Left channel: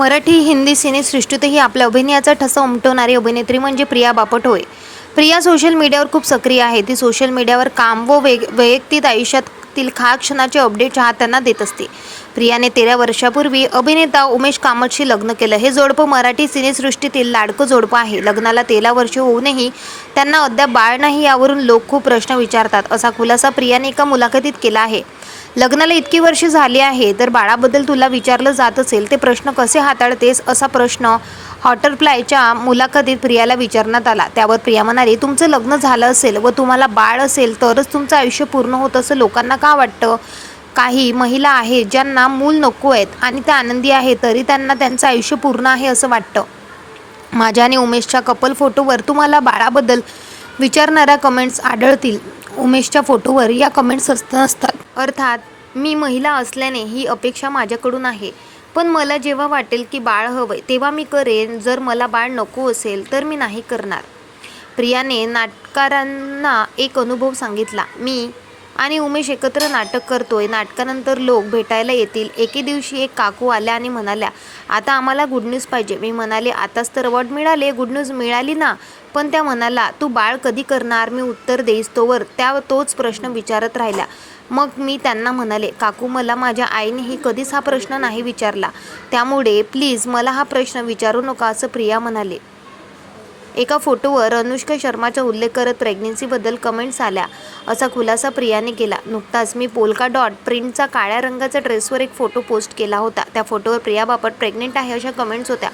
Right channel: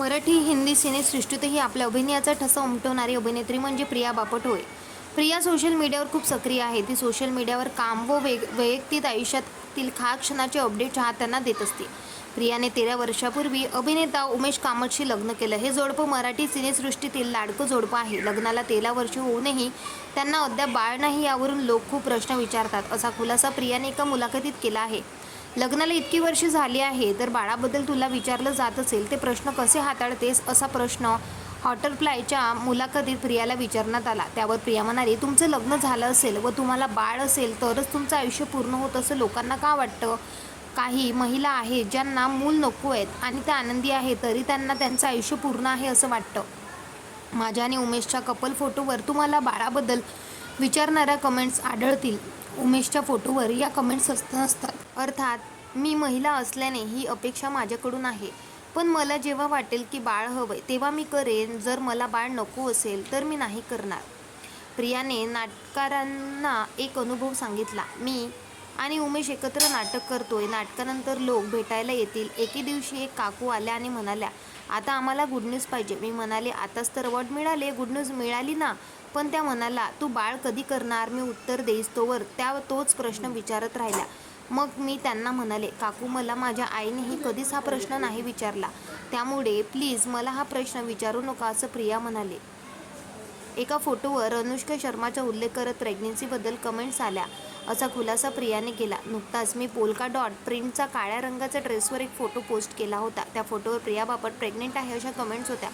मराठी हिंदी सिनेसृष्टीतही आपल्या अभिनयाचा ठसा उमटवणारी अभिनेत्री म्हणजे प्रिया बापट होय प्रिया सोशल मीडियावर खूप सक्रिय आहे. ती सोशल मीडियावर काम व वेग वैयक्तिक आयुष्यातील खा क्षणाचे अपडेट चाहत्यांना देत असते. प्रियाने तेरा वर्षापूर्वी अभिनेता उमेश कामतशी लग्न केलं. हे जोडपं मराठी सिनेसृष्टीतील लाडकं जोडपं आहे. लग्नाला तेरा वर्ष होऊनही त्यांना अद्याप बाळ नाही यावरून लोक खूप प्रश्न विचारतात. असा खुलासा प्रियाने एका मुलाखतीत केला आहे. लग्नाला इतकी वर्ष झाली आहे तर बाळाबद्दल तुला विचारलं जात असेल ते प्रश्न कसे हाताळतेस असा प्रश्न हॉटरफ्लायच्या मुलाखतीत प्रियाला विचारण्यात आला. त्यावर प्रिया म्हणाली तुमचं लग्न झालं असेल व तुम्हाला बाळ असेल तरच तुमचं आयुष्य पूर्ण होत असं लोकांना का वाटतं? काही महिला आहेत ज्यांना मूल नको आहेत आणि त्या आनंदी आहे तरी त्यांना त्यांचं आयुष्य पूर्ण आहे असं वाटतं. माझ्या आणि उमेशच्या कपल फोटोवर तुम्हाला बाळाबद्दल विचारणाऱ्या कमेंट्स आढळतील. उमेशच्या फोटोवर या कमेंट्स असत असतात अर्थात मी महिला असल्याने ही अपेक्षा माझ्याकडून आहे. पण मला जेव्हा वाटेल की बाळ हवंय तेव्हा मी करेन. जर मला बाळ नको असेल तर मी नाही करणार. प्रियाने नाटकारांना एक अनुभव सांगितला. मी आणि उमेश एकत्र नाटक करतोय. नाटकानंतर लोक भेटायला येतील. एके दिवशी एक काकू आल्या आणि म्हणाल्या आता आम्हाला गुड न्यूज पाहिजे. मी म्हणाले आताच तर अवॉर्ड मिळाले. गुड न्यूज मिळाली ना. पण त्या म्हणाला तू बाळ कधी करणार? मी उत्तर देईस तोवर त्या तोच प्रश्न विचारत राहिल्या. मग मी त्यांना म्हणाले काकू मला माझ्या आईनेही कधीच हा प्रश्न नाही विचारला. त्यामुळे प्लीज मला हा प्रश्न विचारू नका असं प्रिया म्हणाले. एका फोटोवर अनुष्का शर्माचा उल्लेख करत प्रेग्नन्सीबद्दल कमेंट्स आल्या. असा खुलासा प्रियाने केला. नुकताच मी पोलका डॉट प्रिंटचा काळ्या रंगाचा ड्रेसवर एक फोटो पोस्ट केला होता. त्या फोटोवर प्रिया बापट प्रेग्नेंट आहे अशा कमेंट्स होत्या.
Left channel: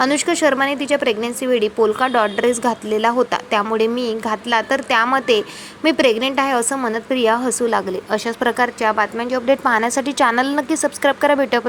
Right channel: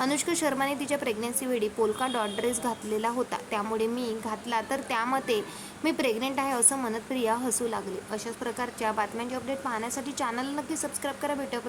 अनुष्का शर्माने तिच्या प्रेग्नन्सीवेळी पोलका डॉट ड्रेस घातलेला होता. त्यामुळे मी घातला तर त्यामध्ये मी प्रेग्नेंट आहे असं म्हणत प्रिया हसू लागले. अशाच प्रकारच्या बातम्यांची अपडेट पाहण्यासाठी चॅनल नक्की सबस्क्राईब करा. भेटूया